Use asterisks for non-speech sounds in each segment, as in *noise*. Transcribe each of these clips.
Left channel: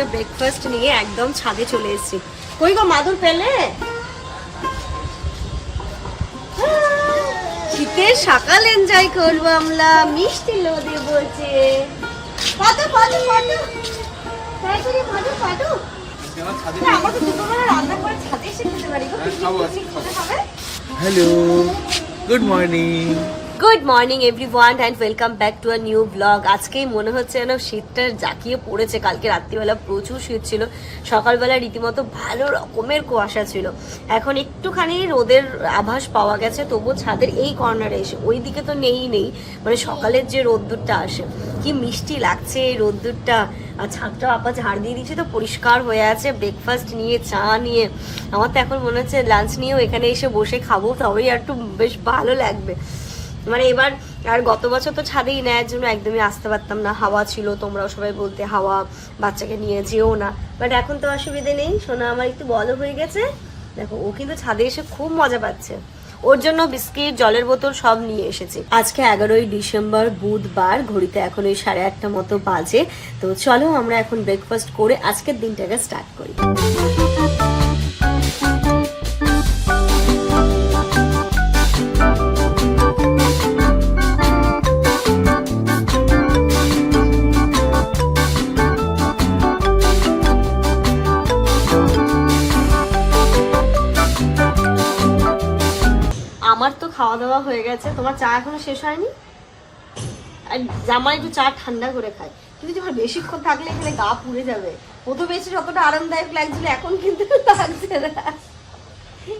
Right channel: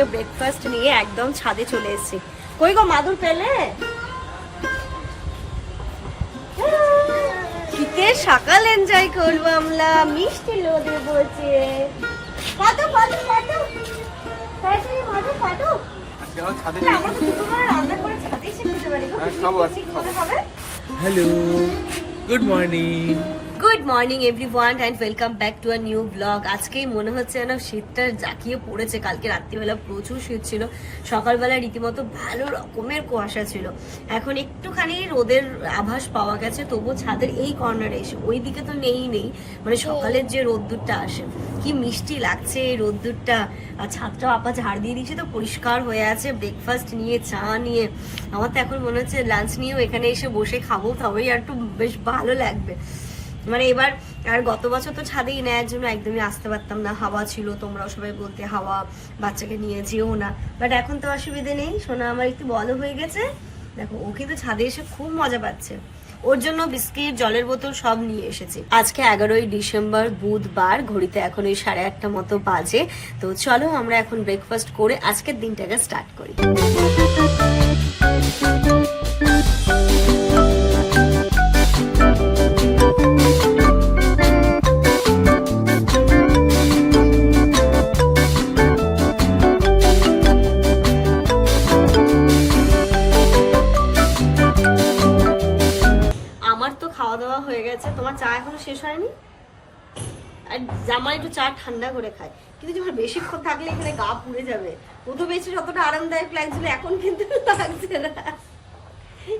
আজকে ব্রেকফাস্ট নিয়ে একদম ছাদে চলে এসেছি। কই গো মাদুর পেলে? শীতের সকাল এনজয় করব আমরা মিষ্টি লোদে বলছে। পাতো পাতো পাতো তাড়াতাড়ি পাতো পাতো আজকে আমার ছাদে না, আমরা তো দুপুরবেলা রান্না করে ছাদে এসে খেতে পারি গো হ্যাঁ, খাব, আজকে পিকনিক করে খাবে hello good morning good morning everyone and welcome back to a new blog আজকেই মনে হচ্ছে যেন শীতটা জাকিয়ে পড়েছে। কালকে রাত্রিবেলা প্রচুর শীত ছিল। সকালবেলা রীতিমতো ভালো রকমের কুয়াশা ছিল। এখন একটুখানি রোদের আভাস পাওয়া গেছে তবু ছাদের এই কর্নারে এসে। ওই দিকে তো নেই নেই মানে সকালের যে রোদ্দুরটা আসে। কি মিষ্টি লাগছে এই রোদ্দুরটা। আর ছাদটা আপা ঝাড় দিয়ে দিয়েছে, তো পরিষ্কার হয়ে আছে। ব্রেকফাস্ট নিয়ে, চা নিয়ে। আমার তো এখন মনে হচ্ছে লাঞ্চ নিয়েও এখানে এসে বসে খাব, তবেই আর একটু বেশ ভালো লাগবে। মানে এবার, আর গত বছর তো ছাদেই নেয়ার জন্য একদমই আসতে পারতাম না। হাওয়া ছিল, তোমরাও সবাই বলতে হাওয়া বাচ্চাকে নিয়ে যেও না। বাট এখন তো অসুবিধে নেই। সোনা, আমার একটু বড় হয়ে গেছে। দেখো, ও কিন্তু ছাদে এসে খুব মজা পাচ্ছে। ওর জন্য বিস্কিট, জলের বোতল সব নিয়ে এসেছে। আজকে এগারোই ডিসেম্বর, বুধবার, ঘড়িতে এখন ওই সাড়ে আটটা মতো বাজে। তো চলো আমরা এখন ব্রেকফাস্ট করে আজকের দিনটাকে স্টার্ট করি। খাওয়া দাওয়া হয়ে গেছে। তোমার চা এখনও শেষ হয়নি? আর জামা একটু চা ঠান্ডা করে খায়। তুমি যখন বেশিক্ষণ থাকলে এখানে গা পুড়ে যাবে। প্রথমে এসে যতটা আরামদায়ক লাগছিল এখন কিন্তু লাগছে না।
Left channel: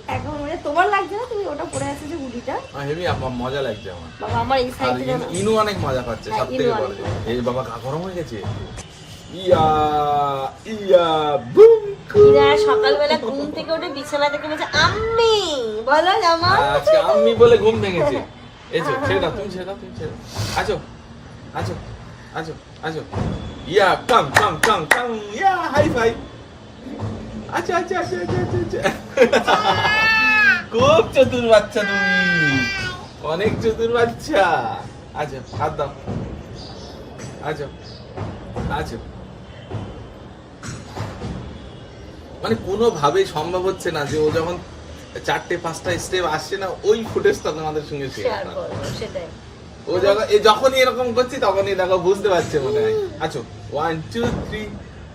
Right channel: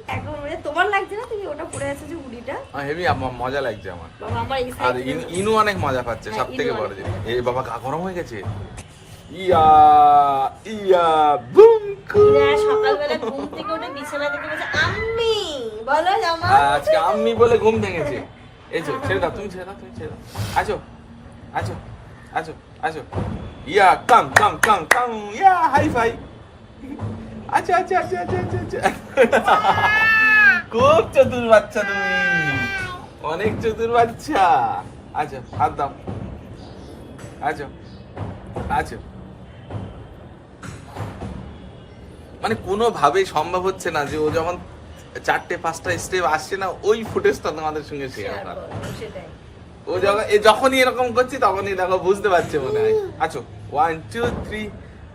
এখন মানে তোমার লাগছে না তুমি ওটা পরে আছো যে হুডিটা? হেভি মজা লাগছে আমার। বাবা আমার এই সাইডে ইনু- অনেক মজা পাচ্ছে হ্যাঁ, সব থেকে অনেক বড় এই বাবা গা গরম হয়ে গেছে? ইয়া ইয়া বুম না সকালবেলা ঘুম থেকে উঠে বিছানা থেকে বলছে আম্মি বলো জামা আজকে আম্মি বলে ঘুম ভেঙেছে। এসো ছেড়ে দাও তুমি ছেড়ে দাও তুমি ছেড়ে দাও। আছো আছো আছো আছো ইয়া কাম কাম কাম কাম ইয়া হাই ফাই। আচ্ছা আচ্ছা আচ্ছা আচ্ছা আচ্ছা আচ্ছা। খুব চতুর বাচ্চা তুমি। অনেক চতুর বাচ্চা। আচ্ছা হাত দাও। আচ্ছা আচ্ছা মানে কোনোভাবেই সম্ভব হচ্ছে না যে ও যখন চারটে পাঁচটা স্টেপ আসছে না ওই ফুটেজ ফুটেজটা তোমাদের সঙ্গে শেয়ার শেয়ার সেটাই ও যখন যখনই এরকম করছি তখনই দেখো বুঝতে পারছে মনে হয় আছো one two three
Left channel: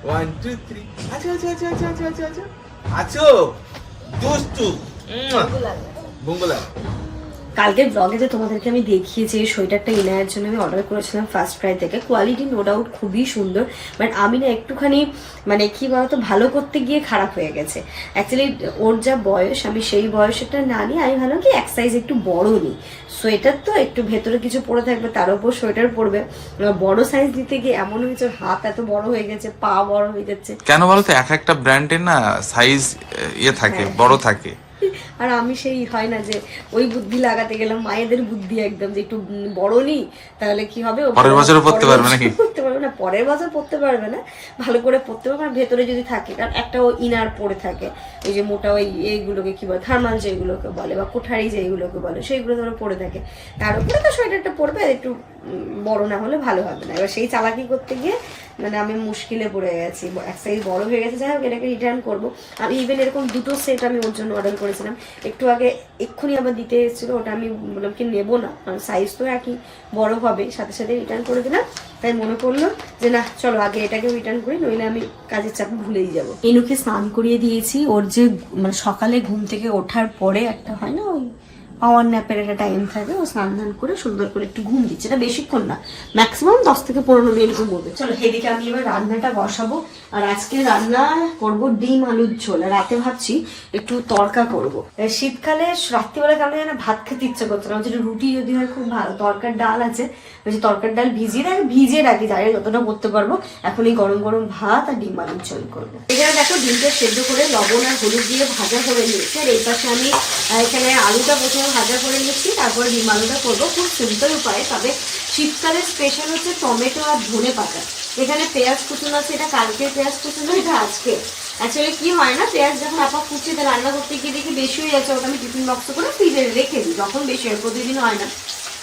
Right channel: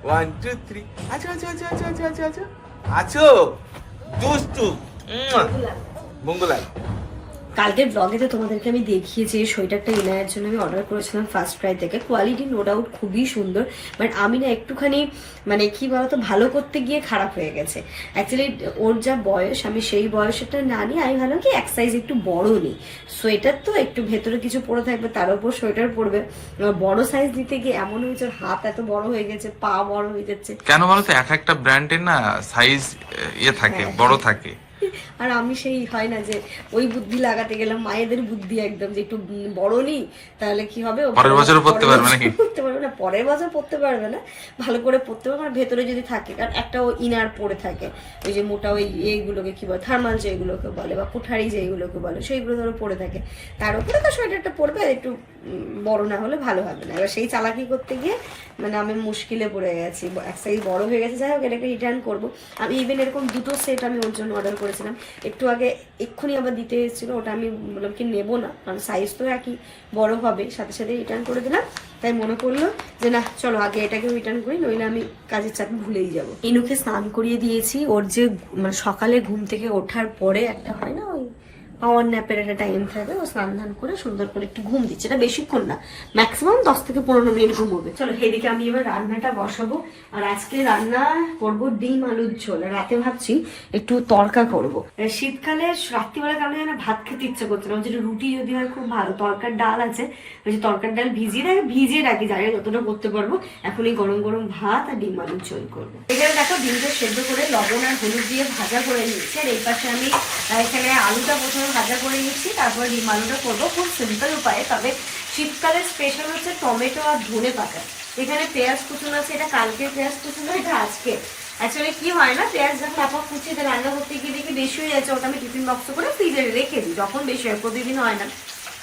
one two three আছো আছো আছো আছো আছো আছো আছো আছো দুষ্টু ভালো কালকের ব্লগে যে তোমাদেরকে আমি দেখিয়েছি এই সোয়েটারটা এনায়ের জন্য আমি অর্ডার করেছিলাম ফার্স্ট ক্রাই থেকে। কোয়ালিটি নো ডাউট খুবই সুন্দর বাট আমি না একটুখানি মানে কি বলতো ভালো করতে গিয়ে খারাপ হয়ে গেছে। অ্যাকচুয়ালি ওর যা বয়স আমি সেই বয়সটা না নিয়ে আমি ভাবলাম কি এক সাইজ একটু বড় নিই সোয়েটার তো একটু ভেতরে কিছু পরে থাকবে তার উপর সোয়েটার পরবে। বড় সাইজ দিতে গিয়ে এমন হয়েছে ওর হাত এত বড় হয়ে গেছে পা বড় হয়ে যাচ্ছে। কেন বলতো এক একটা ব্র্যান্ডের না সাইজ ইয়ে থাকে হ্যাঁ। বড় থাকে। আর আমি সেই হয় না যে ওই বুদ্ধি লাগাতে গেলাম মায়েদের বুদ্ধি একদম যে একটু বড় নি তাহলে কি হবে? পরের পরতে পারবে নাকি? পারবে না পরের বছর পড়তে পারবে না ভালো করে পড়তে পারবে আর ভেতরে যদি থাকে কারণ একটা ও ইনার পড়ে থাকে ওই যে মোটা ওই এইগুলোকে কি বলে থার্মাল যেগুলোকে বলে বা কোঠারি যেগুলোকে বলে সেইগুলো ধরো পড়ে থাকে। তার উপরে তো সোয়েটারটা আর একটু বড় না হলে ভালো হবে না। এবার সেই চালাকি করতে গিয়ে মানে আমি মুশকিলে পড়ে গেছি এক সাইজ বড় হয়ে গেছে যাই হোক এটাকে রিটার্ন করব। আমি ইভেন এরকম দুটো সেট আমি ওর জন্য অর্ডার করেছিলাম একটু আগে এক্ষুনি আবার দিতে এসেছিল, ওটা আমি বললাম কি নেব না, কারণ সাইজ তো একই, বড় হবে। সাথে সাথে রিটার্ন করে দিলাম। তাই মনে করল যে না, চলো আগে এটাকে রিটার্ন করি, নইলে আমি কাজের চাপ ভুলেই যাব। ইনুকে স্নান করিয়ে দিয়েছি, ওর যে মানে সকালে ঘুম থেকে ওঠার পরে একটা হয় না ওই পাওয়ার ন্যাপের একটা টাইম থাকে, ও স্নান ধান করে সুন্দর করে একটু ঘুম দিচ্ছে। এটা বেশিক্ষণ না ম্যাক্সিমাম দশ থেকে পনেরো মিনিট ঘুমোবে। চলো সেদিকে আমি এবার রান্নাটা বসাবো, আর আজকে রান্না করব ডিম আলুর ঝোল, আর রাতে ভাবছি একটু তরকা করব। শীতকালে রাত্রিবেলা কেমন যেন ভাত খেতে ইচ্ছা করছে না যেটা রুটি যদি হয় খুব ভালো, তরকার ডাল আছে বলছি তরকার ডাল ভিজিয়ে রাখি ভিজিয়ে রাখি, জানি যতটা করতে পারব। এখন এই গরম গরম ভাত আর ডিম আলুর ঝোল করব। এখানে দেখো ডিমটা সেদ্ধ করে লবণ আর হলুদ দিয়ে ভাজা করে নিয়েছি, আর এই পাশে আমি এখানে আলুটা প্রথমে ভাজা করে নিচ্ছি, তারপরে ডিম আলুটা করব খুব সিম্পল উপায়ে। তবে শীতকালের স্পেশাল হচ্ছে টমেটো আর ধনে পাতা। এখানে পেঁয়াজ কুচুন আছে, এটা কালকে পেঁয়াজ কুচুন এটা আজকে অ্যাকচুয়ালি কি হয় না, পেঁয়াজ যখন আপা কুচি দিয়ে, রান্না করতে গিয়ে দেখি বেশি হয়ে যাচ্ছে, ওটা আমি টিফিন বক্স করে ফ্রিজে রেখে দিই, যখন বেশি হয় প্রতিদিন হয় না।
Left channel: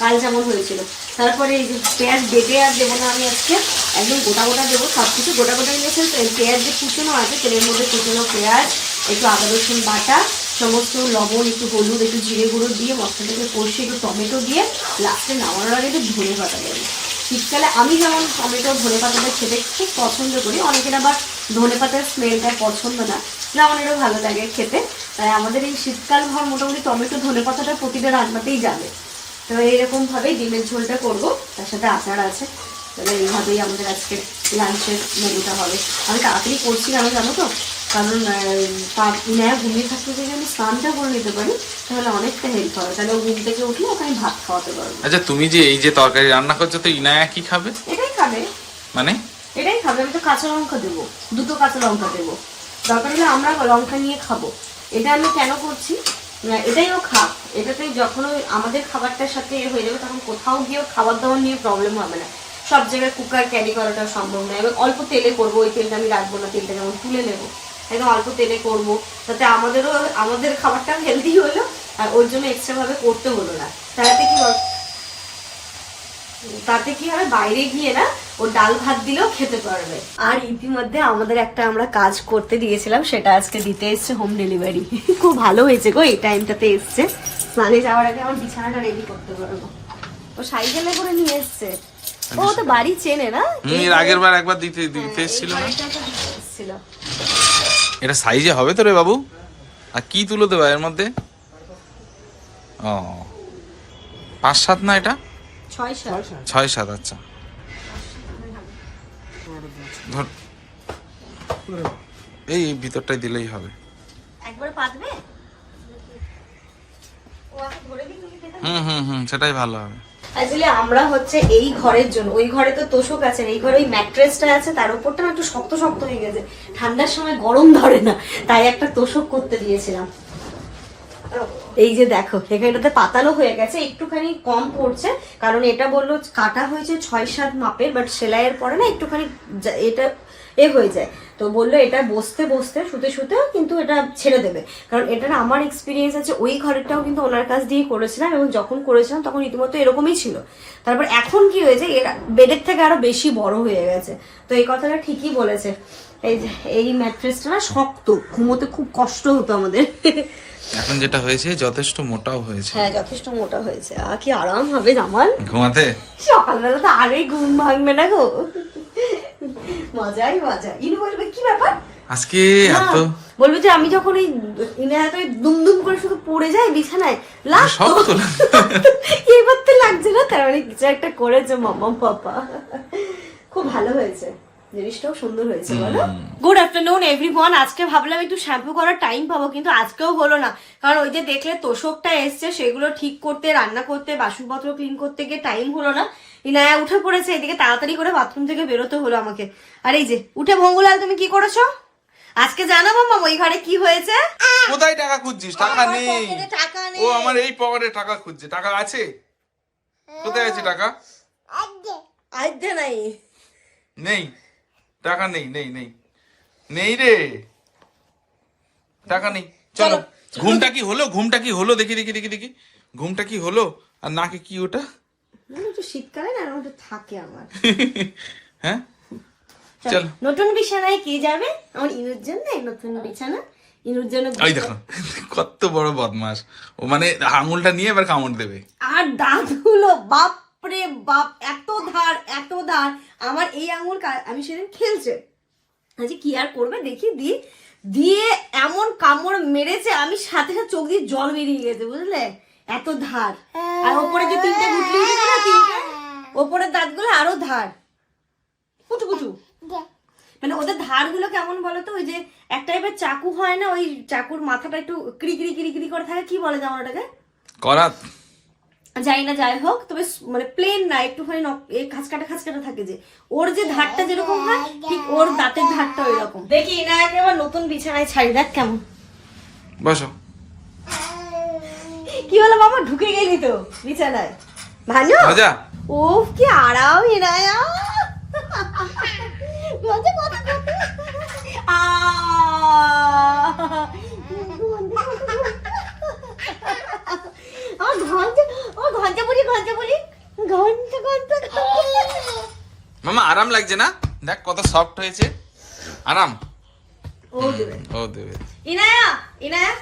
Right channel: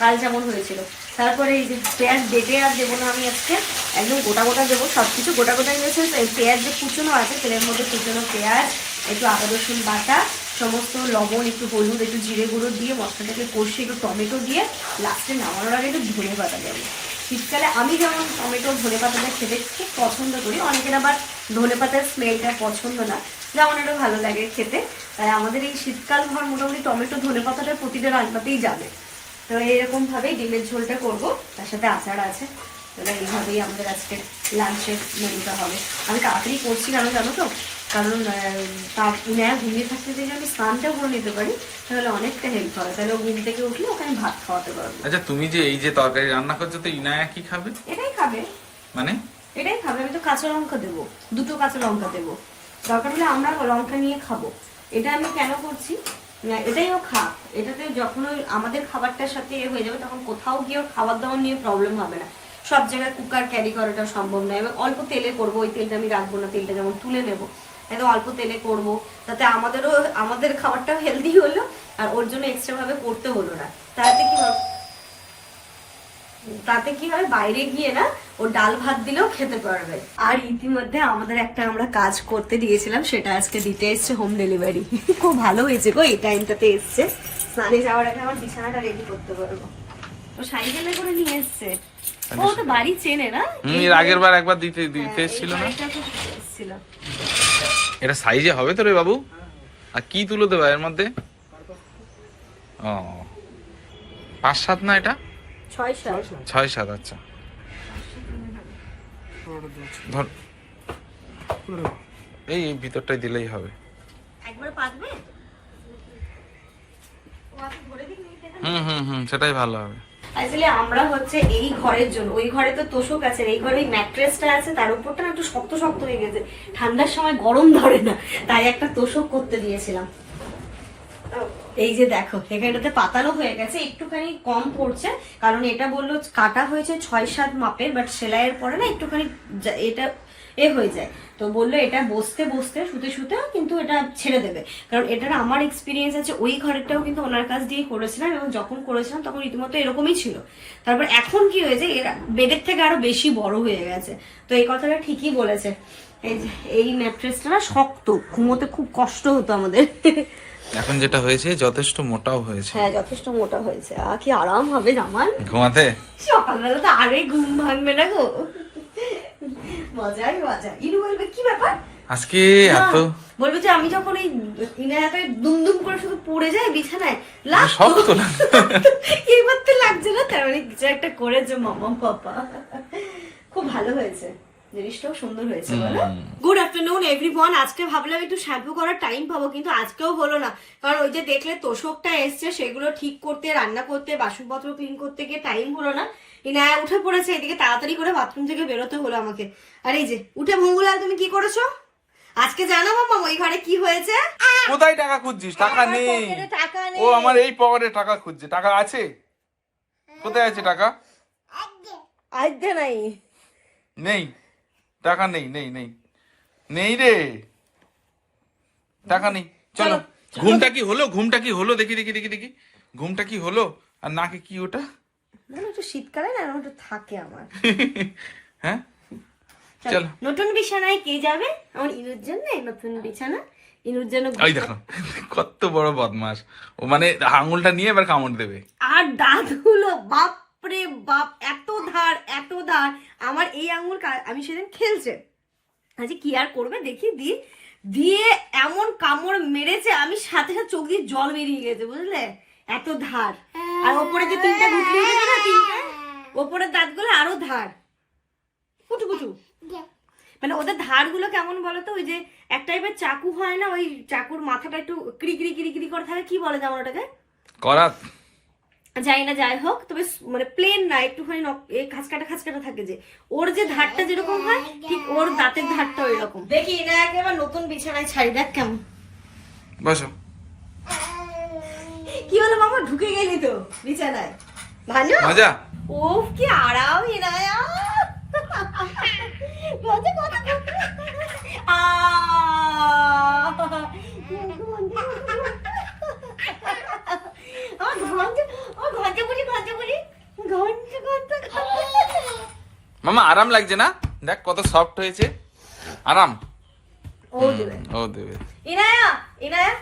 কাল যেমন হয়েছিল। তারপরে এই যে পেঁয়াজ বেটে আর দেবো না আমি আজকে, একদম গোটা গোটা দেবো সব কিছু গোটা গোটা নিয়েছে। পেঁয়াজ যে কুচুনো আছে, তেলের মধ্যে কুচুনো পেঁয়াজ, একটু আদা রসুন বাটা সমস্ত লবণ, একটু হলুদ, একটু জিরে গুঁড়ো দিয়ে মশলাটাকে কষিয়ে একটু টমেটো দিয়ে লাস্টে নামানোর আগে একটু ধনে পাতা দেবো। শীতকালে আমি যেমন টমেটো, ধনে পাতাটা খেতে খুব পছন্দ করি, অনেকের আবার ধনে পাতার স্মেলটা পছন্দ না, যেমন এটা ভালো লাগে খেতে। তাই আমাদের এই শীতকাল ভর মোটামুটি টমেটো, ধনে পাতাটা প্রতিটা রান্নাতেই যাবে। তো এরকম ভাবে ডিমের ঝোলটা করব, তার সাথে আচার আছে। তাহলে এইভাবেই আমাদের আজকে লাঞ্চের মেনুটা হবে। আমি তাড়াতাড়ি করছি কেন জানো তো? কারণ তার ইনায়া ঘুমিয়ে থাকতে যদি আমি স্নানটা করে নিতে পারি তাহলে অনেকটা হেল্প হবে তাহলে ঘুম থেকে উঠলে ওকে আমি ভাত খাওয়াতে পারব। আচ্ছা তুমি যে এই যে তরকারি রান্না করছ তো ইনায়া কি খাবে? এটাই খাবে। মানে? এটাই খাবে। আমি তো কাঁচা লঙ্কা দেবো। দুটো কাঁচা লঙ্কা দেবো। দরকার হলে আমরা লঙ্কা নিয়ে খাব। এটা আমি কেন করছি? এটাই ও খা এটাতে যখন ওই আমাদের খাবারটার সাথে এ হয়ে যাবে তখন কোথাও গিয়ে খাবার দাবার নিয়ে প্রবলেম হবে না। সব জায়গায় কুকার ক্যারি করাটা সম্ভব নয়। এবং অল্প তেলে করব। ওই তেলটা আমি রাখব না। তেলটা যেমন তুলে নেব। একদম অল্প তেলে করব। তাতে আমাদেরও আমাদের খাবারটাও হেলদি হলো আর ওর জন্য এক্সট্রা ভাবে করতে হলো না। তাতে কি তাতে কি হবে বাইরে গিয়ে না ও ডাল ভাত দিলেও খেতে পারবে। আর ইতিমধ্যে আমাদের একটা আমরা কাজ করতে দিয়েছিলাম সেটা আজকে দিতে এসছে হোম ডেলিভারি খুব ভালো হয়েছে গো এই টাইমটাতে এসছে। স্নানে যাওয়ার আগে আমার বিছানাটা রেডি করতে পারব। ও সাইকেলে করে নিয়ে এসছে। ও তো বাড়ি চেনে না? এর আগের বার একবার দিতে দিতে এসেছিল না? এটা সাইজে হবে তো রে বাবু? আর কি তুলো দেবা এর মধ্যে? ও। পাঁচ সাত না এটা? ছয় সাত। আচ্ছা। ধর। এই ভিতরটাই দিলেই হবে? হুম হুম হুম সেটাই ভালো হবে। অ্যাকচুয়ালি আমরা হচ্ছে এই ঘরের জন্য, ওই ঘরে তো তোষক আছে, এই ঘরে ওই ম্যাট্রেসটা আছে, তার উপরটা না একটু শক্ত শক্ত হয়ে গেছে। ঠান্ডার সময় গরম ধরে না, তাই একটা তোষক করতে দিয়েছিলাম। এই যে দেখো, এখানটাতে পাতালো হয়ে গেছে, একটুখানি কম পড়ছে, কারণ এটা বলল কাটা হয়েছে ছয় সাত মাপের বাট সেলাইয়ের পরে না একটুখানি এটা এ হয়ে যায়। তো বলল এটা বসতে বসতে শুতে শুতেও কিন্তু এটা ছেড়ে দেবে। কারণ এটার আমার এক্সপিরিয়েন্স আছে ওই ঘরেরটাও কিন্তু ওনার কাছ দিয়েই করেছিলাম এবং যখন করেছিলাম তখন রীতিমতো এরকমই ছিল। তারপর এখন কি হয়েছে বেডের থেকে আরও বেশি বড় হয়ে গেছে। তো এই কথাটা ঠিকই বলেছে। এই এই ম্যাট্রেসটা না শক্ত ঘুমোতে খুব কষ্ট হতো আমাদের। এখন যেটা হয়েছে যথেষ্ট মোটাও হয়েছে। হ্যাঁ যথেষ্ট মোটা হয়েছে। আর কি আরাম হবে আমার ঘুমাতে? সকালবেলা তো আরে ঘুম ভাঙবে না গো। *laughs* মজাই মজা ইনু বলবে কি ব্যাপার? আজকে এত? বলবে যে আমি যখন এই ইনায়াতে দুম দুম করে শুধু পড়ে যাই বিছানায় লাগ শক্ত। এবার তো লাগছে না? তার মানে কিছু একটা করেছে মামা পাপা। খুব ভালো হয়েছে। জিনিসটাও সুন্দর হয়েছে বলো? গুড আফটারনুন এভরিওয়ান আজকে ভাবলাম একটু শ্যাম্পু করার টাইম পাবো কিন্তু আজকেও হলো না। কারণ ওই যে দেখলে তোষকটা এসছে সেগুলো ঠিক করতে রান্না করতে বাসনপত্র ক্লিন করতে গিয়ে টাইম হলো না। ইনায়া উঠে পড়েছে এদিকে তাড়াতাড়ি করে বাথরুম থেকে বেরোতে হলো আমাকে। আর এই যে উঠে ভঙ্গুলাল তুমি কি করেছ? আজকে জানাব মামা ওই ঘরে কি হয়েছে? কোথায় টাকা খুঁজছিস? টাকা নেই। টাকা ও আমার এই পকেটে টাকা খুঁজছে। টাকা আছে? কোথায় আছে টাকা? আজকে নাই। নেই। টাকা নেই নেই নেই। নেই রে। টাকা নেই চলো। ঘুমটা কি হলো? ঘুমটা কি হলো? দেখি দেখি দেখি দেখি। ঘুমটা কি হলো? আর নাকে কি ওটা? শীতকালে না থাকে আমার। *laughs* হ্যাঁ? চলো। নতুন বিছানায় কে যাবে? আমার ইনুর জন্য নতুন বিছানা। ইনুর জন্য ওই দেখো কত বড় বদমাস ও মানে আঙুলটা নিয়ে এবার কামড় দেবে। আর দাঁতগুলো বাপরে বাপ, এত ধার এত ধার। আমার এই আঙুল আমি সেদিন খেলছে। আজকে কি আর করবে? দেখি, দিয়ে দিয়ে এমন কামড় মেরেছে, আমি সাথে সাথে চোখ দিয়ে জল বেরিয়ে গেছে, বুঝলে? এত ধার। আর ওপরে যে তিনটে গুটলি না, তিনটে? ওপরের দাঁতগুলো আরও ধার। কুচু কুচু মানে ওদের ধারগুলো কেমন বলতো ওই যে এক টাইপের চাকু হয় না, ওই চাকুর মাথাটা একটু ক্রি ক্রি ক্রি, করে থাকে, কি বলে যেমন ওটাকে? করাত। যাই না যাই হোক তবে মানে প্লেন না একটুখানি খাঁচকাটা খাঁচকাটা থাকে যে। ওর যে ধারটা যেরকম হয় ঠিক ওর দাঁতের ধারটা ওই রকম দেখি না একেবারে নতুন বিছানায় ছাড়ি দেখ কেমন। বসো। কি হলো বাবা ঢুকে গেলি তো বিছানায়? ভালো মজা ও কি আরাম হিরায়া মজা কত আ। *laughs* ঘণ্টা ও ঘণ্টা পুরি ঘণ্টা বলি ঘণ্টা ঘণ্টা। মামা আরাম লাগছে না? দেখ কত সফট হয়েছে। আরাম। ও দেবে। ও দেবে। ইনায়া ইনায়া।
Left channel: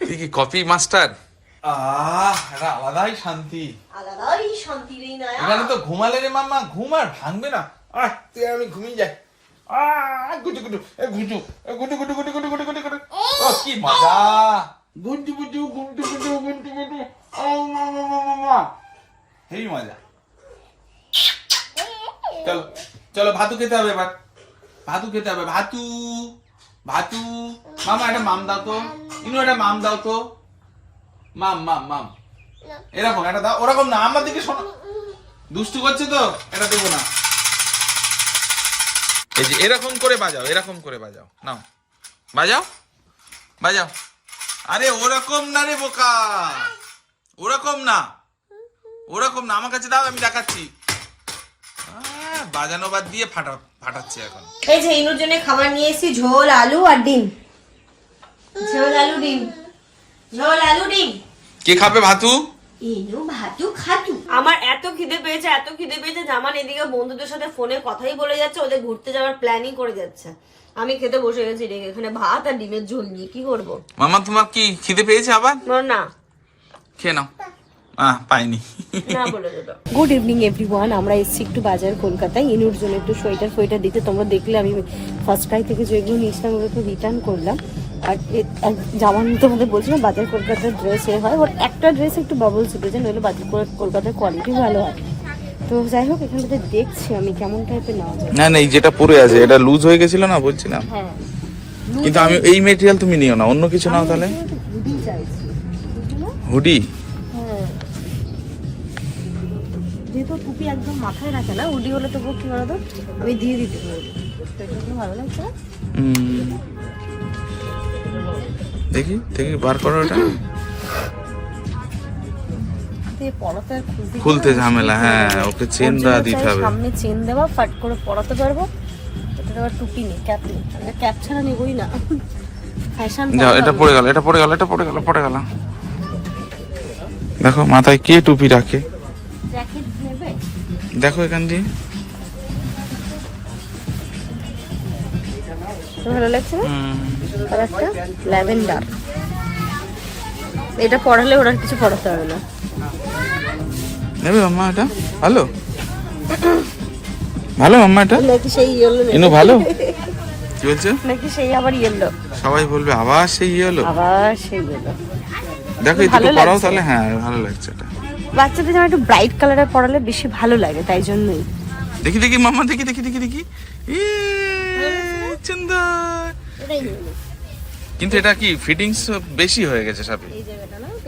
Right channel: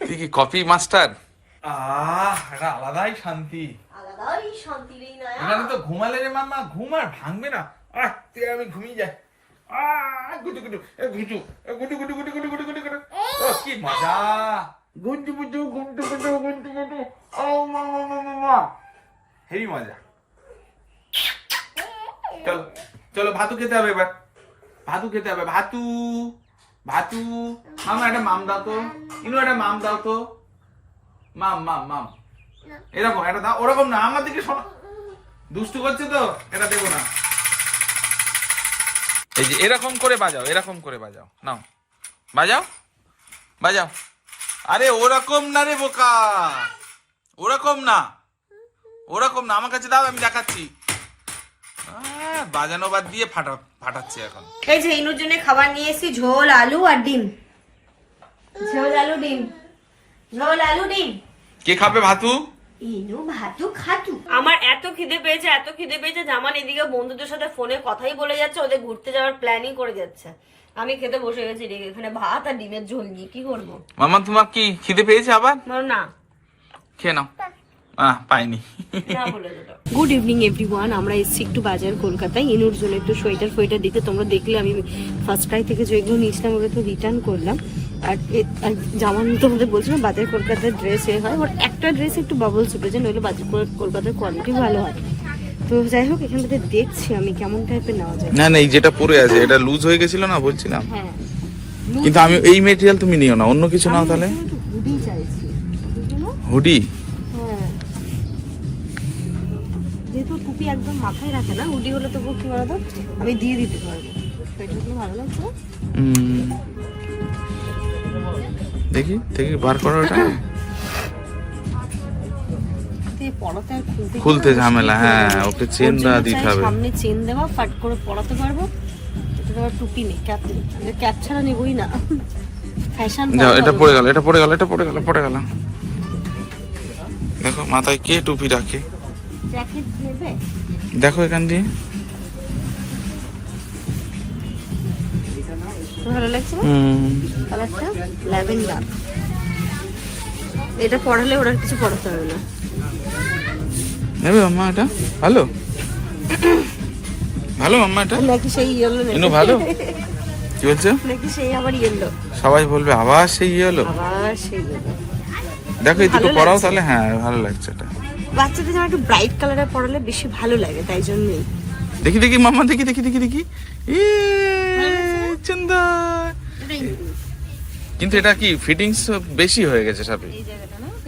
তুই কি কপি মাস্টার আহ এটা আলাদাই শান্তি। আলাদাই শান্তি রে ইনায়া। এখানে তো ঘুমালে রে মাম্মা ঘুম আর ভাঙবে না। আহ তুই আমি ঘুমিয়ে যাই। কি মজা ও মা মা মা মা মা হেই মজা চলো চলো ভাতু খেতে হবে এবার ভাতু খেতে হবে ভাতু ভাতু মামা একটা মাম দাও তো ইনু একটা মাম দাও তো মাম মাম মাম এরকম এটা দাও ওরকম না আমার দিকে শোনো দুষ্টু করছে তো এটা দেবো না এই যে এরকম করে বাজাও এরকম করে বাজাও। নাও। বাজাও? বাজাও। আরে ওরকম না রে বোকা। ওরকম না। ওরকম না। আমার কাছে দাও আমি দেখাচ্ছি। বাজানো বাদ দিয়ে ফাটা ফাটাচ্ছে এখন। এই যে ইনুর জন্য খাবার নিয়ে এসেছি ঝোল আলু আর ডিম। ঝোল আলু ডিম। ঝোল আলু ডিম। কে খাবে ভাতু? ইনু ভাতু খাতু আমার এত খিদে পেয়েছে এত খিদে পেয়েছে জামান এদিকে বন্ধুদের সাথে ফোনে কথাই বলে যাচ্ছে ওদের ঘুরতে যাওয়ার প্ল্যানিং করে যাচ্ছে। আমি খেতে বসে গেছি রে এখানে ভাত আর ডিমের ঝোল নিয়ে কি করব? মামা তোমার কি খিদে পেয়েছে আবার? না। খেয়ে নাও। পাইনি। গুড ইভিনিং এভরিওয়ান আমরা এসেছি একটু বাজার কলকাতায়। ইনুর জন্য একটু সোয়েটার ফোয়েটার দিতে। তোমরা দেখলে আমি ফার্স্ট ক্রাই থেকে যেগুলো নিয়েছিলাম ওগুলো তো রিটার্ন করলাম। আর জামান তোমাদের বলছিলাম বাজার কলকাতার ড্রেস এ হয়। ওর একটা ড্রেস একটু বাবলস উঠেছে নইলে বাজার কলকাতার কোয়ালিটি ভালো হয়। তো যাই হোক এখান থেকে দেখছি আমি কেমন টাইপের নেওয়া যায়। না না এই যেটা পরে আছে এটা লুজ হয়ে গেছিল না বলছিলাম? হ্যাঁ। কিন্তু আমি এই মেটেরিয়াল তুমি নিও না অন্য কিছু নাও তাহলে। হুডি চাইছি। হুডি হ্যাঁ টুপি একদম মাথায় রাখে না উডি হলে তবু কি বলতো আমি দিয়ে দিতে পারব। সেটা তো ভালো লাগছে? দেখি দেখি বার করো ওটা। পড়াতে আর খুলতে খুলতে ঝামেলা, হ্যাঁ, ওকে চেন দেওয়া দিতে হবে। সামনে চেন দেওয়া ফাট করে পড়াতে পারব। এটা আবার টুপি নেই ক্যাপ নেই। ক্যাপ ছাড়া নেবই না। ফ্যাশন এটা পড়ে গেল এটা পড়ে গেল এটা পড়ে গেল পড়ে গেল। দেখো মাথায় কে টুপি রাখে? জ্যাকেট দেখো এখান দিয়ে। ভালো লাগছে কালারটা? ল্যাভেন্ডার। এটা পড়ালে ওরা কিছু পড়াতে হবে না। নেবে মাম্মা এটা? ভালো? ভালো মাম্মা এটা? নাকি সেই ইয়েলো ইনু ভালো? কি বলছো? নাকি সেই আবার ইয়েলো সবাই বলবে আবার সেই হলো আবার সেই ইয়েলো দেখো এই দুটো লাগছে। তাহলে হ্যাঁ ভালো লাগছে এটা। বাচ্চাদের যেন একটু ব্রাইট কালারে পড়ালে বেশি ভালো লাগে তাই জন্যই। দেখি দেখি মামা দেখি দেখি দেখি দেখি। সুন্দর। কিন্তু এটা কি ফিটিংস বেশি হয়ে গেছে সাপে? এই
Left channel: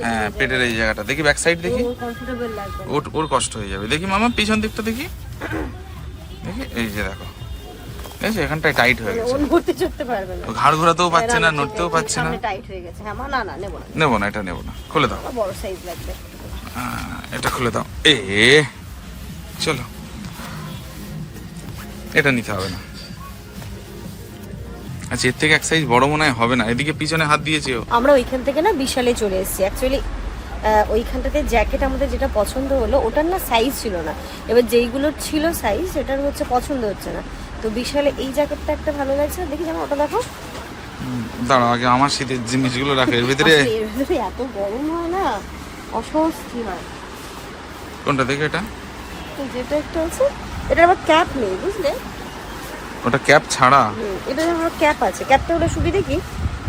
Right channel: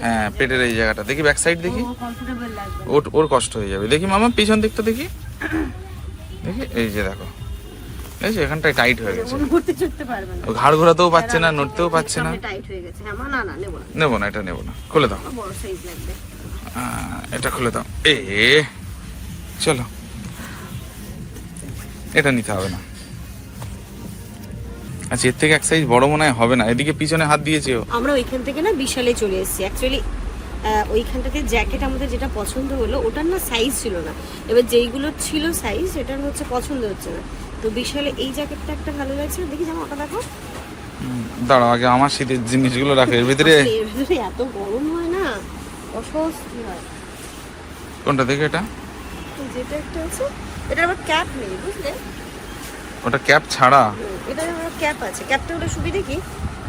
হ্যাঁ পেটের এই জায়গাটা। দেখি ব্যাক সাইড দেখি। ওর ওর কষ্ট হয়ে যাবে। দেখি মামা পিছন দিকটা দেখি। দেখি এই যে দেখো। দেখছি এখানটায় টাইট হয়ে গেছে। ও ঘাড় ঘোরাতেও পাচ্ছে না নড়তেও পাচ্ছে না। হয়ে নেব না। এটা নেব না। খুলে দাও। বড় সাইজ লাগবে। এটা খুলে দাও। এ চলো। এটা নিতে হবে না। আচ্ছা এর থেকে এক সাইজ বড় মনে হবে না। এদিকে পিছনে হাত দিয়েছে আমরা ওইখান থেকে না বিশালে চলে এসেছি। অ্যাকচুয়ালি ওইখানটাতে জ্যাকেট আমাদের যেটা পছন্দ হলো ওটার না সাইজ ছিল না। এবার যেইগুলো ছিল সাইজ সেটার হচ্ছে পছন্দ হচ্ছে না। তো বিশালে এই জ্যাকেটটা একটা ভালো লাগছে। দেখি জানো ওটা দেখো দাঁড়াও আগে আমার শীতের জিনিসগুলো রাখো। এর ভিতরে এত গরম হয় না। অস্বস্তি হয়। কোনটা দেখে এটা? যেটা একটা আছে এটা আবার ক্যাপ নেই বুঝলে? ওটা ক্যাপ ছাড়া? এটা আমার ক্যাপ আছে। ক্যাপটা হলে সুবিধা কি?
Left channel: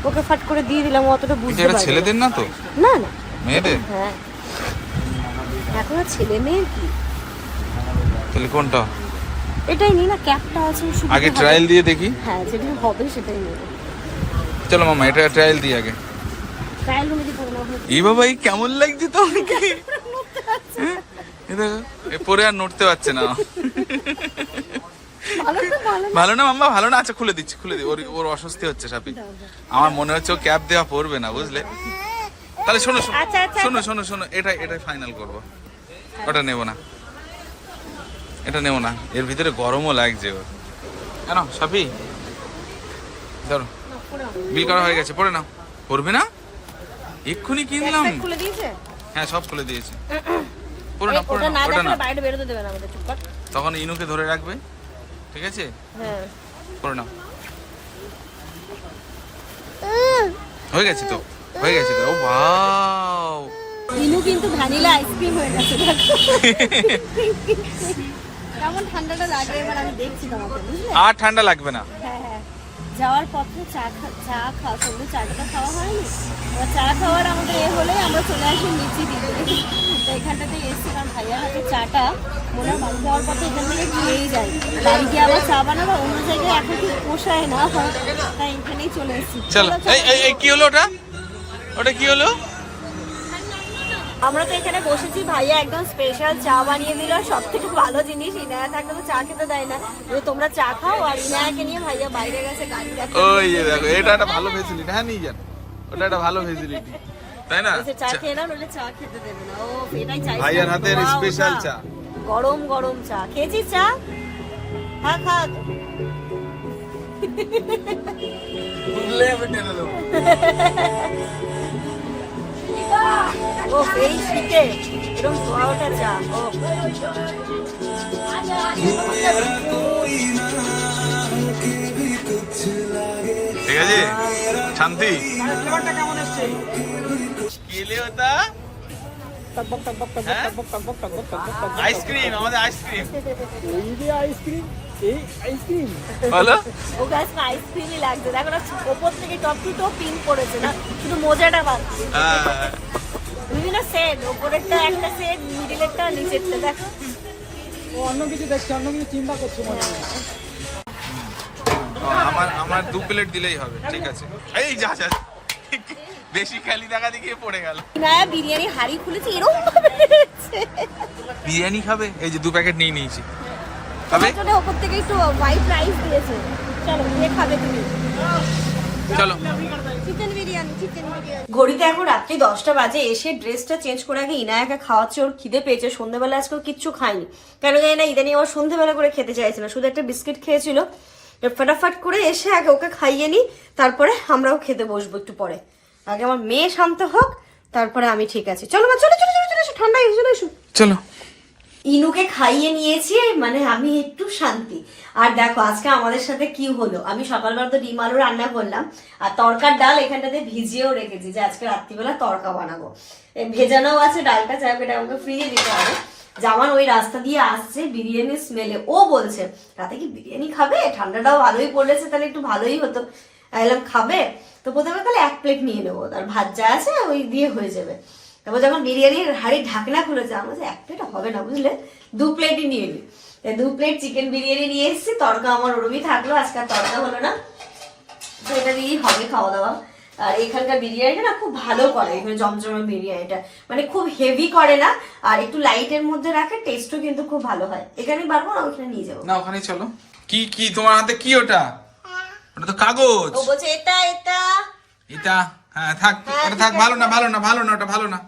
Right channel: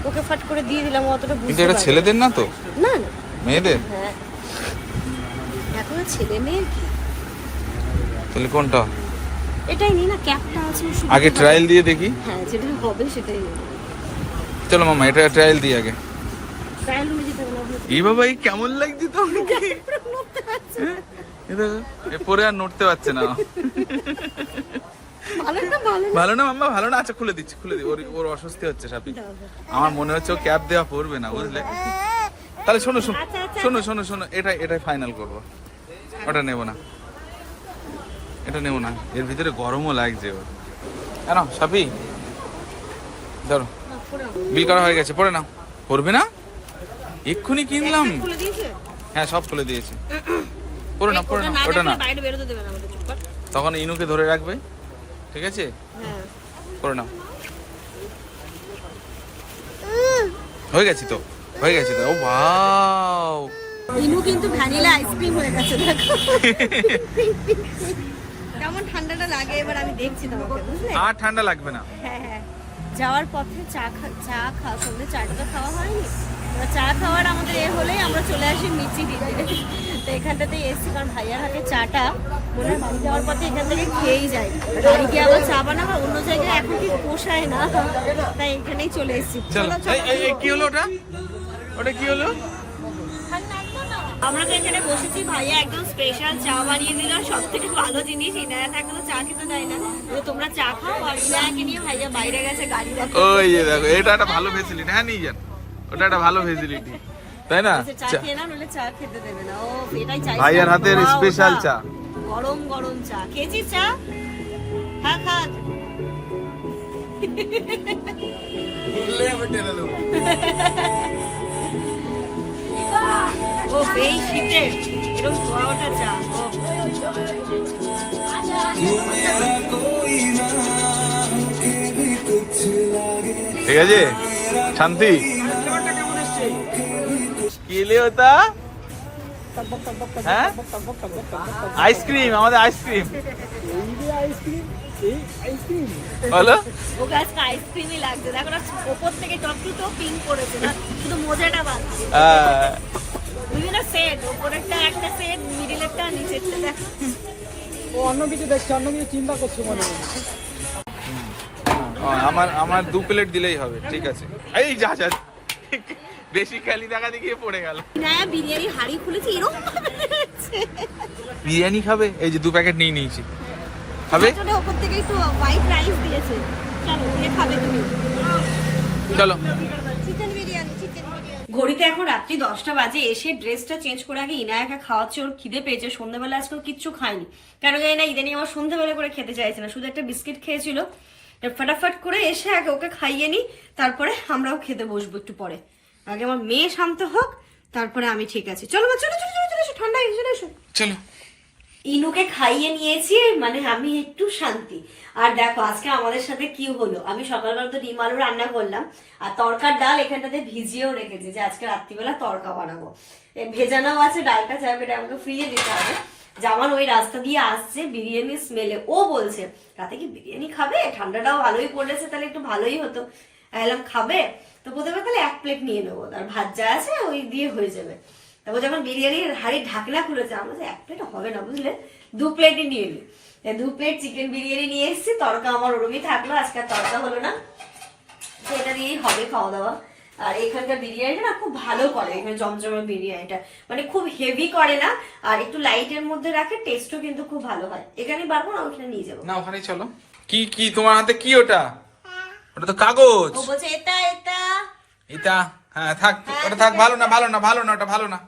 ওকে ফাট করে দিয়ে দিলাম অতটা বুঝতে এটা ছেলেদের না। তো? না না। মেয়েদের? হ্যাঁ। এখন ছেলে মেয়ে কি? তাহলে কোনটা? এটাই নি না ক্যাপটা আছে আগে ট্রায়াল দিয়ে দেখি। হ্যাঁ যেটা হবে সেটাই চলো মামা এটা ট্রায়াল দিই আগে। এই বাবা, এই কেমন লাগছে তো হ্যাঁ? এ পরে আর নড়তে পারছে না। ভালো না মাম্মা, ভালো না? আচ্ছা খুলে দিচ্ছি, খুলে দি ওর ওর অস্বস্তি হচ্ছে সাপি। আমার মনে হচ্ছে ও ক্যাপ দেওয়া পড়বে না, বুঝলে? তাহলে শোনো শোনো। শোনো শোনো এটা এটাই ফাইনাল করব। ওটা নেব না। এটা নেব না। এর ভিতরে গরমও লাগছে ওর। কেন, সাপি? ধরো। বিল করা হয়ে গেছে, পড়ে নাও। পড়বে না? এক্ষুনি কিনলাম। হ্যাঁ সব খুলে দিয়েছে। পড়ো না পড়ো না ওটা না না। তখন ইনুকে ধরে রাখবে ঠিক আছে? হ্যাঁ। পড়ে নাও হয়ে গেছে তো হয়ে গেছে তো। ও ভাও ইনু কিন্তু ভ্যানিলা আইসক্রিম হয়ে গেছে দেখো। *laughs* কেমন ঠান্ডাটা লাগে এবার আমি দেখছি তোমাকে বুঝলে? আর ঠান্ডা লাগবে না। হ্যাঁ। যাওয়ার পথে চা চা খাওয়া সন্ধ্যে চাটা তো খাওয়া হয়নি। চা খাওয়ার আমাদের এ হলেই আমরা চলে আসি মিচি দিলে তো এখানটাতে এসছি কারণ ভাইয়ার হাতে চাটা। মনে বাড়ি যাওয়ার পথে এখান থেকে খেয়েই যায় বাড়িতে আবার চা বানাবো, অন্য জায়গায় এখন ঠিক পোষায় না। তাই এখানেই চলে এসছি। চলো এই কি হলো ওটা? ওটা কি হলো? আমরা তো এখানে বসেছি ভাইয়া একদম স্পেশাল চা বানিয়ে দিল। সব থেকে ভালো জিনিস ইনায়া থাকলে তো চা খেতে দেয় না। তোমরা চা খাও আর ইনায়াকে নিয়ে ভাইয়া বাইরে গেছে গাড়ি দেখো ওই দেখো এটা একটা ভালো ফেসিলিটি হ্যাঁ নিয়ে যান। ওটা একটা ভালো ফেসিলিটি তাই না? চা খেয়ে নাও নইলে চা খেতে দেবে না। ও এটাই চাই ভাইয়ার হাতের special চা। গরম গরম চা। খেয়েছিস চা? হ্যাঁ খা। *laughs* *laughs* ও এই শীতে এরকম ধোয়া ওঠা চা ও। ঠিক আছে? শান্তি? কি ওটা? টকবক হ্যাঁ? আইসক্রিম আমাদের আইসক্রিম আইসক্রিম এই আইসক্রিম বলো ও গাছটা আইসক্রিমই লাগছে। দেখো না ওপর থেকে পিঙ্ক পড়েছে না? শুধু মোজাটা বাদ। বিভিন্ন সেট ওপরেরটা একটা সেট মিডিলেরটা নিচেরটা ও অন্য কিছু দেখছে অন্য কিছু চিন্তা করছে মনে আমার আমার দু প্লেট দিলেই হবে ঠিক আছে। এই যা যা। বেশি খালি দেখা দেখিয়ে পড়ে গেল। না বিরিয়ানি হাড়ি খুলেছি এরকম বিরিয়ানি খাবে? এই যে দু প্যাকেট নিয়ে নিয়েছি। খাবে? আসলে থেকে একটু হোয়াইট রাইস দিয়েছে। চলো খাবে ঘড়িতে এখন রাত্রি দশটা বাজে এসে ড্রেসটা চেঞ্জ করে আগে ইনায়াকে খাওয়াচ্ছে ওর খিদে পেয়েছে। সন্ধ্যাবেলা আজকে কিচ্ছু খায়নি। কেন জানি না ইদানি আবার সন্ধ্যাবেলা করে খেতে চাইছে না। শুধু একটা বিস্কিট খেয়েছিল। ফটাফট করে এসে আগে ওকে খাইয়ে নি তারপরে আমরাও খেতে বসবো একটু পরে। আগে আমার মেয়ে শান্ত হোক তারপরে আমি ঠিক আছে। চলো মা চলো চলো চলো চলো ঠান্ডা এসো এসো। চলো। ইনুকে খাইয়ে নিয়েছি মানে আমি একটু শান্তি। আর দেখো, আজকে আমাদের সাথে কি হলো? আমি সকালবেলা তো ডিম আলু রান্না করলাম, আর তরকার ডাল এখানটাতে ভিজিয়েও রেখেছি যে আজকে রাত্রিবেলা তরকা বানাবো। ভেজানোও আছে, ডালটা হোক এটা আমাকে ফ্রিজে দিতে হবে। জামান ওই রাস্তা দিয়ে আসছে বিরিয়ানি স্মেলে ও বলছে, রাতে কি বিরিয়ানি খাবে? ঠান্ডাটাও ভালোই পড়েছে, তাহলে একটু ভালোই হতো। খাবে? তো প্রথমে তাহলে এক প্লেট নিয়ে নেব আর ভাত যা আছে ওই দিয়ে হয়ে যাবে। তারপর যখন বিরিয়ানির হাড়ির ঢাকনা খুলেছে আমরা যে এক প্লেট হবে না বুঝলে? দু প্লেটই নিয়ে নি। তাই দু প্লেট চিকেন বিরিয়ানি নিয়ে এসেছি তরকা আমার ওরমই থাকল আজকে আর তরকা হলো না। তো এটা দিয়েই হবে খাওয়া দাওয়া আর এখানকার বিরিয়ানিটা না খুব ভালো করে এখানে জমজমের বিরিয়ানিটা। মানে খুব হেভি করে না আর একটু লাইটের মধ্যে রাখে টেস্টও কিন্তু খুব ভালো হয়। এখানে পারব না ওখানে নিয়ে যাব। না ওখানেই চলো। কি কি তোমার হাতে কি ওটা? ওটা তো কাগজ। ও বলছে এটা এটা। এটা? হ্যাঁ থাক ওটা থাক ভালো না ভালো না ভালো না ওটা ভালো না।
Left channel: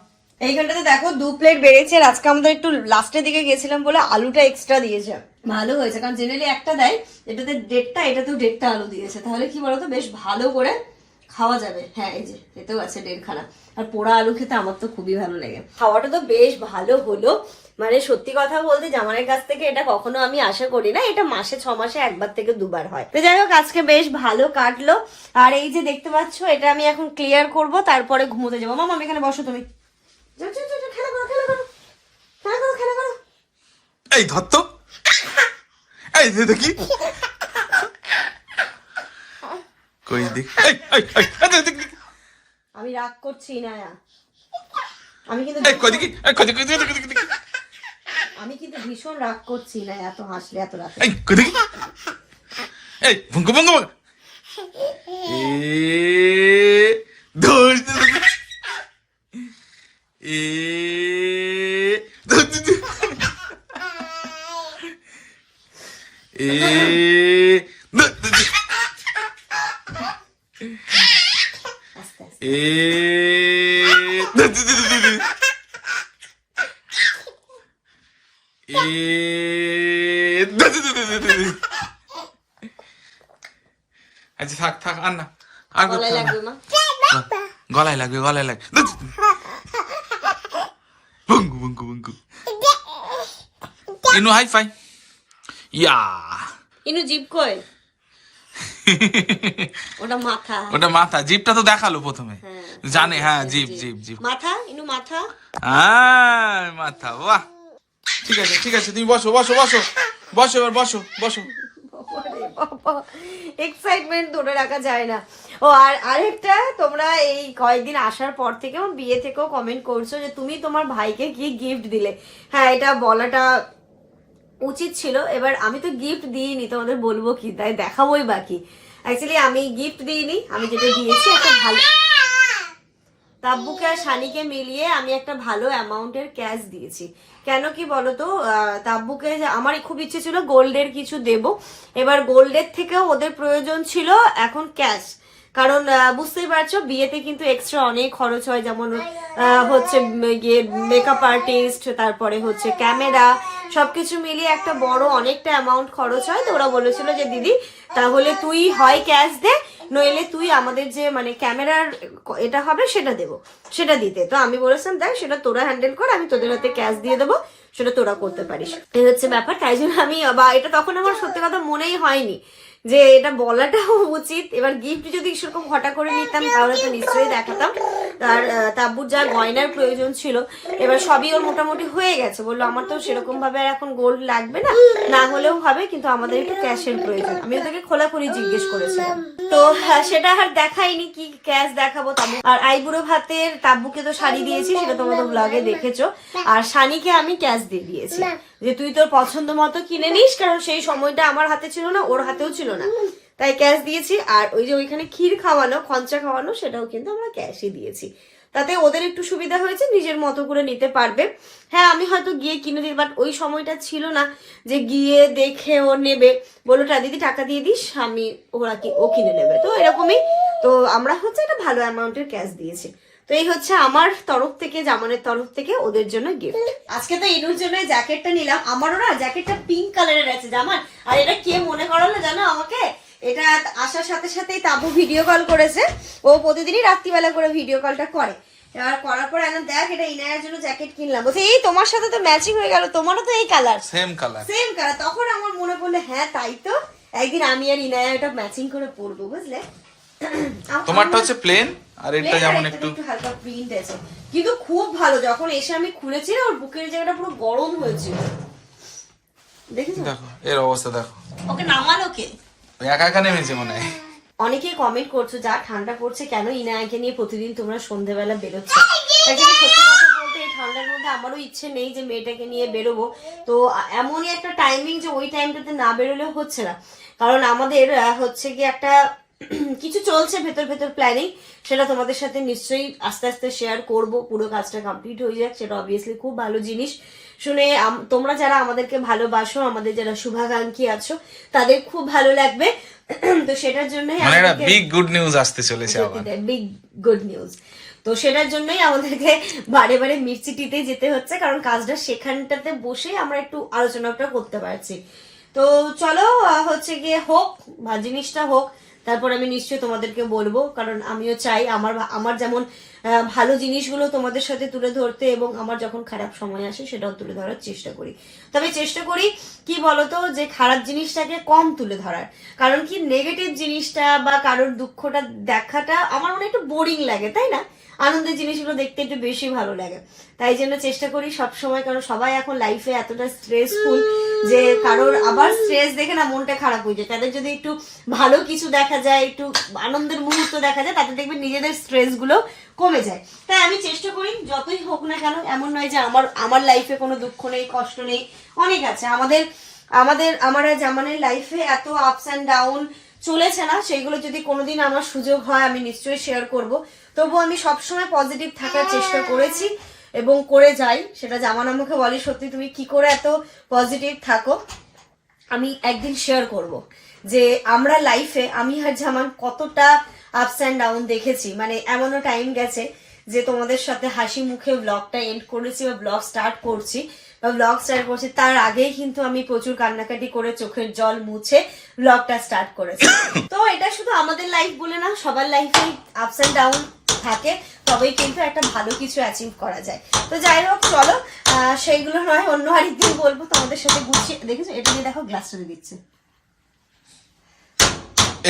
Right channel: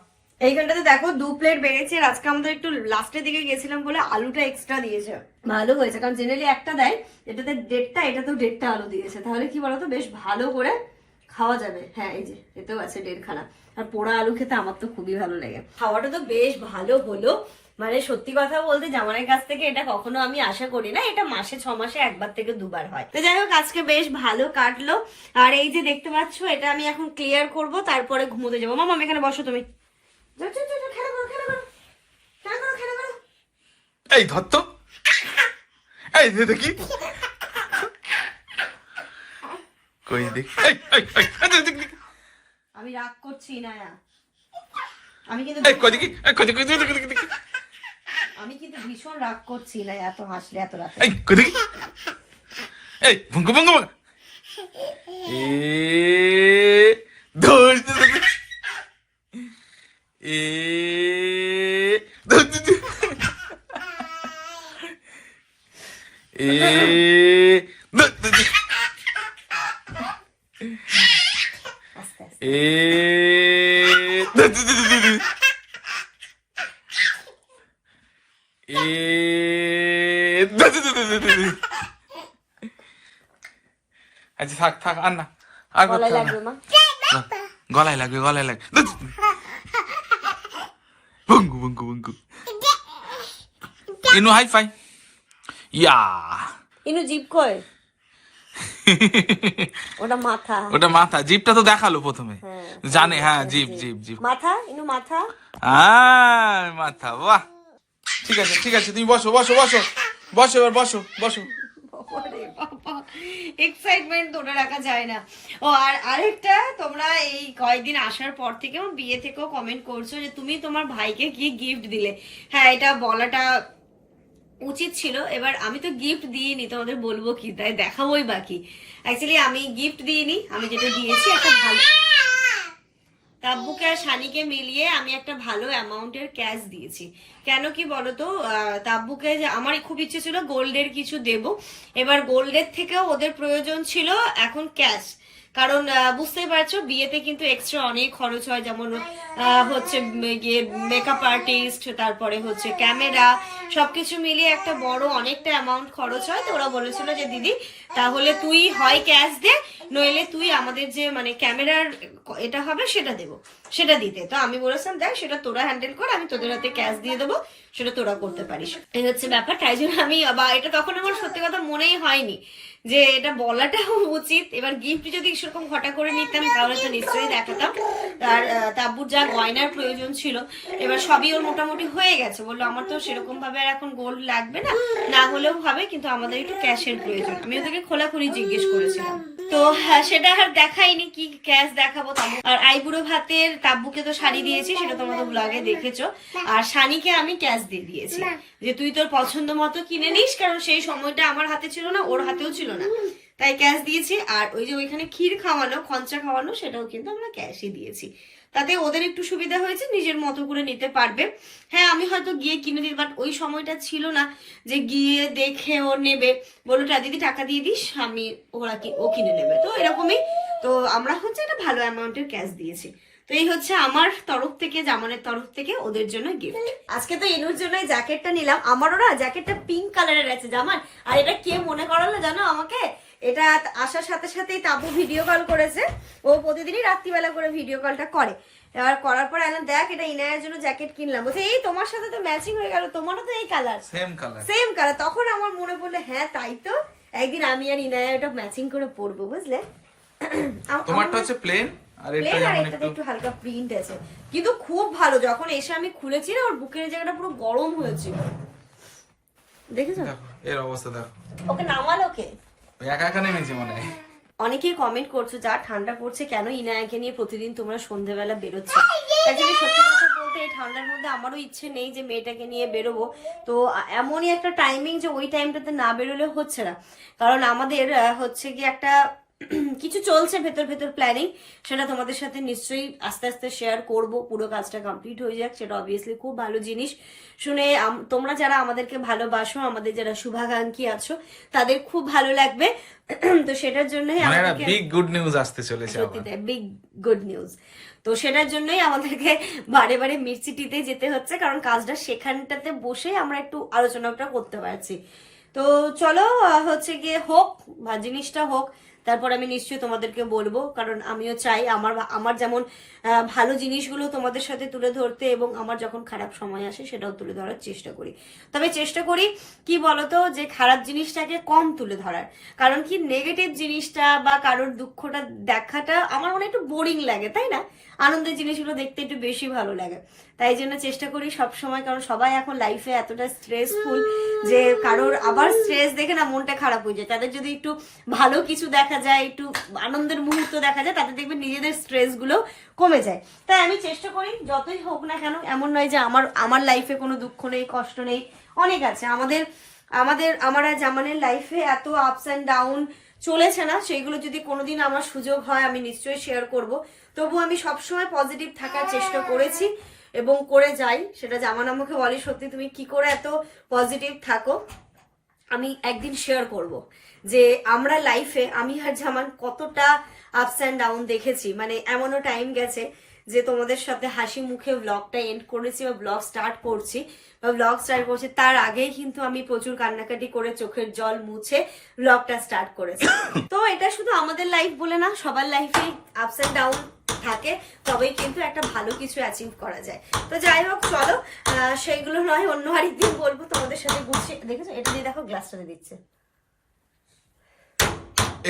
এইখানটাতে দেখো দু প্লেট বেড়েছে আর আজকে আমাদের একটু লাস্টের দিকে গেছিলাম বলে আলুটা এক্সট্রা দিয়েছে। ভালো হয়েছে কারণ জেনারেলি একটা দেয় এটাতে দেড়টা এটাতেও দেড়টা আলু দিয়েছে। তাহলে কি বলতো বেশ ভালো করে খাওয়া যাবে। হ্যাঁ এই যে এতেও আছে দেড়খানা। আর পোড়া আলু খেতে আমার তো খুবই ভালো লাগে। খাওয়াটা তো বেশ ভালো হলো। মানে সত্যি কথা বলতে জামানের কাছ থেকে এটা কখনো আমি আশা করি না এটা মাসে ছ মাসে একবার থেকে দুবার হয়। তো যাই হোক আজকে বেশ ভালো কাটলো। আর এই যে দেখতে পাচ্ছ এটা আমি এখন ক্লিয়ার করব তারপরে ঘুমোতে যাব। মামা আমি এখানে বসো তুমি। এই ধর তো এই দেখি কই দেখি। আমি রাগ করছি না আমি কিন্তু দেখি। আমি কিন্তু ভীষণ রাগ করছি না এত হাসলে এত রাগ এই কই দেখি এই ভঙ্গ ভঙ্গ ভঙ্গ। এ ধর। এ। এ। আচ্ছা থাক থাক আর না আর করতে গলায় লাগবে গলায় লাগবে বঙ্গু বঙ্গু বঙ্গু ইনু হাই ফাই ইয়া ইনু জিপ কয় ওটা মাথা ওটা মাথা জিপটা তো দেখাল প্রথমে। হ্যাঁ। জানে হ্যাঁ জিপ জিপ জিপ মাথা ইনু মাথা আয় মাথা বাহ। ঠিক আছে ঠিক আছে তুমি বসো বসো বসো। বসো এবার বসো বসো। এক্সাইটমেন্ট ধরে রাখা যায় না। ও, আর আরেকটা, তোমরা এই কয়েকদিন আসার পর থেকে আমার বিয়ে থেকেও কমেন্ট করছ যে তুমি তোমার ভাইকে কি গিফট দিলে। হ্যাঁ এটা বলাটা উচিত ছিল। এবার আমি তো গিফট দিইনি, তোমাদের বলব কি? তাই দেখাবোই বাকি। অ্যাকচুয়ালি আমি গিফট দিইনি, আমি যেটা দিয়েছি, একটা ভালো তাব্বুকে আর শানিকে মিলিয়ে আমি একটা ভালো অ্যামাউন্টের ক্যাশ দিয়েছি। কেন কি বলতো? তাব্বুকে আমার খুব ইচ্ছে ছিল গোল্ডের কিছু দেব। এবার গোল্ডের থেকেও ওদের প্রয়োজন ছিল এখন ক্যাশ। কারণ বুঝতেই পারছ, বিয়েতে কিন্তু এক্সট্রা অনেক খরচ হয়, যেমন হচ্ছে গিয়ে মেকআপ আর্টিস্ট তারপরে হচ্ছে ক্যামেরা সবকিছু মিলিয়ে একটা বড় অনেকটা অ্যামাউন্ট খরচ হয়। তো ওরা বলেছিল যে, দিদি, তাহলে তুই হয় ক্যাশ দে, নইলে তুই আমাদের যে মানে ক্যামেরার এটা হবে, সেটা দেবো, সেটা দিতে। তো আমি বলেছিলাম, দেখ, সেটা তোরা হ্যান্ডেল কর, আমি তোদের হাতে ক্যাশ দিয়ে দেবো, সেটা তোরা করতে পারিস। এই হচ্ছে ব্যাপার। তাই জন্য আমি, বা এটা তখন আমার সত্যি কথা মনেই হয়নি। যে এটা বলাটাও উচিত। এবার গিফট যদি সেরকম হঠাৎ করে নিতাম তাহলে তো নিশ্চয়ই দেখাতাম। আর তাব্বুর যা গয়নার প্রয়োজন ছিল এবার সবই ওর মোটামুটি হয়ে গেছে। বলল আমার তো সেরকম ভাবে আর এখন গোল্ড লাগবে না। না হলেও হবে কিন্তু আমাদের একটু ক্যাশের প্রয়োজন। আমি ওদেরকে খোলাখুলি জিজ্ঞেস করেছিলাম। তো হ্যাঁ, সেটা আর দেখাইনি কি ক্যাশ দেখাবো তাবু। আর আইবুড়ো ভাতের তাব্বুকে তো শাড়ি দিয়েছি সেটা তোমাদের ব্লগে দেখেছ। আর শানিকে আমি ক্যাশ দিয়ে দিয়েছি। যে তুই তোর পছন্দ মতো কিনে নিস, কারণ সেই সময়টা আমার হাতে ছিল না, ওর হাতেও ছিল না। তাই ক্যাশ দিয়েছি, আর ওই যে ওইখানে ক্ষীর খাওয়ানো, খঞ্চা খাওয়ানো, সেটাও কিন্তু আমরা ক্যাশই দিয়েছি। তাতে ওদের একটু সুবিধা হয়েছে, নিজের মতো করে নিতে পারবে। হ্যাঁ আমি হয়তো গিয়ে কিনে দিই বাট ওই সময়টা ছিল না যে গিয়ে দেখে ও নেবে। বলল, "টা, দিদি, টাকা দিয়ে দিস, আমি ওরা কি, ও কিনে নেবে। তো এরকমই, তো আমরা হচ্ছে একটা ভালো অ্যামাউন্টের ক্যাশ দিয়েছি। তো এই হচ্ছে আমার তরফ থেকে জামানের তরফ থেকে ওদের জন্য গিফট আজকে তো এনুর জন্য জ্যাকেটটা নিলাম। আমারও না জ্যাকেটটা পিঙ্ক কালারের আছে জামান। আর এটা কে মনে করালো জানো আমাকে? এটা আসার সাথে সাথেই তাবু ভিডিও কল করেছে। ও প্রতিদিনই রাত্রিবেলা করে ভিডিও কলটা করে। এবার করার পর এনে দেখ এটা ইনায়ের জন্য জ্যাকেট কিনলাম। বলছে এই তোমার সাথে তো ম্যাচিং হয়ে গেল তোমারও তো এই colour same colour same colour তখন আমার মনে পড়ল হ্যাঁ তাই তো। একদিন আমি আর ইনায়া এটা ম্যাচিং করে পরবো বুঝলে? তোমারটা হচ্ছে প্লেন আর এটা যেমন একটু একটু হালকা প্রিন্ট আছে। কিন্তু খুব ভালো যখন এসে আমি খুলেছি না ওর বুকের জায়গাটা পুরো গরম হয়েছিল। দেখেছ? দেখো এর অবস্থা দেখো। ওকে নামালো কে? একা একা নেমেছে মনে হয়। অনেকেই কমেন্ট করছ যা ঠান্ডা পড়ছে কেন ইনায়াকে নিয়ে প্রতিদিন তোমরা বেরোচ্ছ? অ্যাকচুয়ালি সত্যি কথা বলতে এই ঠান্ডার মধ্যে আমারও ইচ্ছে নেই যে মেয়েটাকে নিয়ে বেরোবো। তো এমনই একটা টাইমিং যে ওই টাইমটাতে না বেরোলে হচ্ছে না। কারণ আমাদের হচ্ছে কি একটা কিছু চলছে ভেতর ভেতর প্ল্যানিং সেটা তোমাদের সাথে নিশ্চয়ই আস্তে আস্তে শেয়ার করব। পুরো কাজটা কমপ্লিট হয়ে যাক সেটা অবভিয়াসলি খুব ভালো জিনিস। শুনে তোমরা যারা আমাদেরকে ভালোবাসো আমাদের যারা শুভাকাঙ্ক্ষী আছো তাদের খুব ভালো লাগবে। *clears throat* তো সেটার জন্যই মানে একটা বিগ গুড নিউজ আসতে চলেছে আবার। বিগ গুড নিউজ তো সেটার জন্যই আমাদেরকে বারে বারে মির্চিটিতে যেতে হচ্ছে কারণ কাজটা সেখানটাতে বসে আমরা একটু আলোচনাটা করতে পারছি। তো চলো হচ্ছে গিয়ে হোক বা জিনিসটা হোক তারপর আমি নিশ্চয়ই তোমাদেরকে বলব, কারণ আমিও চাই আমার আমার যেমন ভালো জিনিসগুলো তোমাদের সাথে তুলে ধরতে এবং আমার যখন খারাপ সময় আসে সেটাও তুলে ধরার চেষ্টা করি। তবে চেষ্টা করি, কি বলতো, যে খারাপ জিনিসটাকে কম তুলে ধরার। কারণ কি নেগেটিভ জিনিসটা বা কারোর দুঃখটা দেখাটা আমার মনে একটু বোরিং লাগে, তাই না? আনন্দের জিনিসগুলো দেখতে একটু বেশি ভালো লাগে। তাই জন্য চেষ্টা করি সব সময় কারণ সবাই এখন লাইফে এতটা স্ট্রেসফুল যে কারোর আবার স্ট্রেস দেখে না মনটা খারাপ হয়ে যায়। তাদের যদি একটু ভালো কিছু দেখা যায়, একটু আনন্দের মুহূর্ত দেখা যায়, তাতে দেখবেন নিজেদের স্ট্রেসগুলো কমে যায়। তাই আমি চেষ্টা করি, যতই হোক না কেন, এমন নয় যে আমার আমার লাইফে কোনো দুঃখ নেই, কষ্ট নেই, অনেক আছে। আমাদের আমাদের, আমার জামানের লাইফে এত আপস অ্যান্ড ডাউন চলেছে না সেইগুলো যদি কোনোদিন আমার সুযোগ হয়, আমি নিশ্চয়ই শেয়ার করব। তবু আমি সবসময় পজিটিভ থাকার চেষ্টা করেছি। এবং করে যাই, সেটা জামান আমাকে বলি, সত্যি তুমি কি করে এত পজিটিভ থাকো, আমি একদিন শেয়ার করব যে আমরা লাইফে আমি আর জামান কতটা আপস অ্যান্ড ডাউন দেখেছি। মানে এমনও টাইম গেছে যে তোমাদের সাথে হাসি মুখে ব্লগটা এন্ড করেছি বা ব্লগ স্টার্ট করছি বা ব্লগ স্টার্ট করছি, তার আগেই কিন্তু আমি প্রচুর কান্নাকাটি করে চোখের জল মুছে ব্লগটা স্টার্ট করেছি। তো এটা শুধু আমাদের লাইফ বলে না, সবার লাইফে আপস অ্যান্ড ডাউন থাকে তবেই কিন্তু একটা ভালো কিছু অ্যাচিভ করা যায়। তো যাই হোক চলো সেইগুলো নয় অন্য আরেকদিন বলব তোমাদের সাথে গুছিয়ে দেখেছ? এটা নিয়ে দেখো গ্লাসটা দিচ্ছে।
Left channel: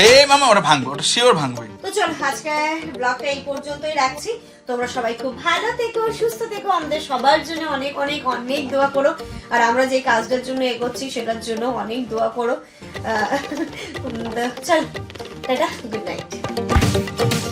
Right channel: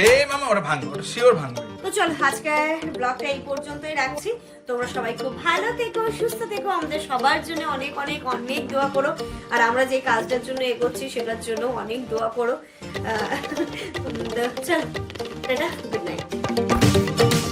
এ মামা ওটা ভাঙবে ওটা শিওর ভাঙবে। তো চলো আজকে ব্লগটা এই পর্যন্তই রাখছি। তোমরা সবাই খুব ভালো থেকো সুস্থ থেকো আমাদের সবার জন্য অনেক অনেক অনেক দোয়া করো। আর আমরা যে কাজটার জন্য এগোচ্ছি সেটার জন্য অনেক দোয়া করো। চলো টাটা গুড নাইট